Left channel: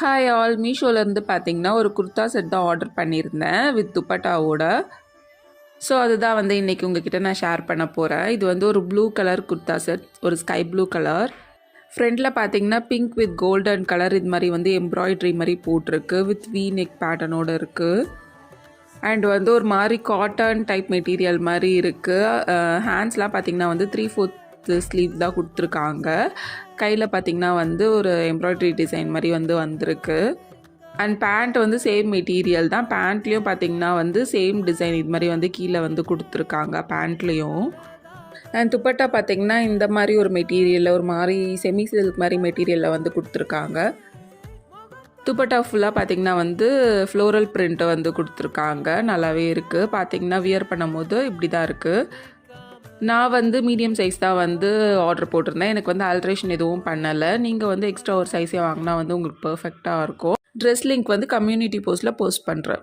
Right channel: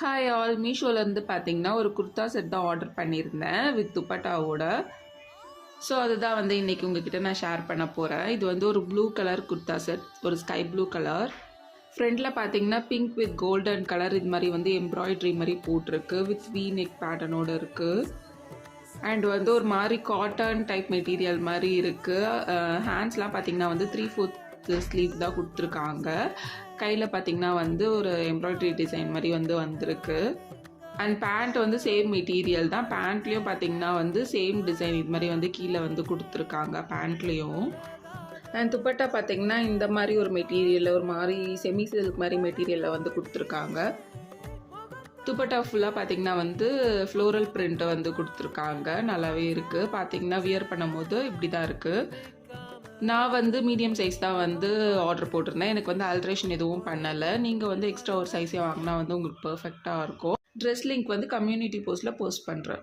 Hi all, மீஷோலேருந்து பார்த்தீங்கன்னா ஒரு kurta set தான் ஆர்டர் பண்ணியிருந்தேன் வித் துப்பட்டாவோட. ஸோ அதுதான் வந்து இன்றைக்கி உங்ககிட்ட நான் ஷேர் பண்ண போகிறேன். இது வந்து ஒரு ப்ளூ கலர் குர்தா செட், ஒரு ஸ்கை ப்ளூ கலர். ஃப்ரண்டில் பார்த்தீங்கன்னா பிங்க் வித் கோல்டன் கலர் இது மாதிரி வந்து எம்ப்ராய்ட்ரி மாதிரி போட்டிருக்கு, வித் வி நெக் பேட்டர்னோடு இருக்குது. அண்ட் வந்து ஒரு மாதிரி காட்டன் டைப் மெட்டீரியல் மாதிரி இருக்குது. ஹேண்ட்ஸ்லாம் பார்த்தீங்கன்னா வந்து 3/4 ஸ்லீவ் தான் கொடுத்துருக்காங்க. கையில் பார்த்திங்கன்னா வந்து ஒரு எம்ப்ராய்ட்ரி டிசைன் மாதிரி வந்து வந்திருக்கு. அண்ட் பேண்ட் வந்து சேம் மெட்டீரியல் தான். பேண்ட்லேயும் பார்த்திங்கன்னா வந்து சேம் டிசைன் இது மாதிரி வந்து கீழே வந்து கொடுத்துருக்காங்க பேண்ட்லேயும். அண்ட் துப்பட்டா பார்த்திங்கன்னா இந்த மாதிரி ஒரு மெட்டீரியலில் ஒரு மாதிரி செமி சில்க் மாதிரி மெட்டீரியலில் வந்து கொடுத்துருக்காங்க. துப்பட்டா ஃபுல்லாக பார்த்திங்கன்னா வந்து ஃப்ளோரல் பிரிண்ட்டை வந்து கொடுத்துருக்காங்க. நல்லாவே இருக்குது. பார்த்திங்கன்னா வியர் பண்ணும் போது இப்படி தான் இருக்குது. நான் வந்து மீடியம் சைஸ் தான் வந்து ஆர்டர் போட்டிருந்தேன். எனக்கு வந்து ஆல்ட்ரேஷன் எதுவும் பண்ணலை. நீங்கள் வந்து எக்ஸ்ட்ரா ஒரு சைஸே வாங்கினா வந்து உங்களுக்கு பர்ஃபெக்டாக இருக்கும். ட்ரெஸ் லிங்க் வந்து கம்யூனிட்டி போஸ்ட்டில் போஸ்ட் பண்ணுறேன்.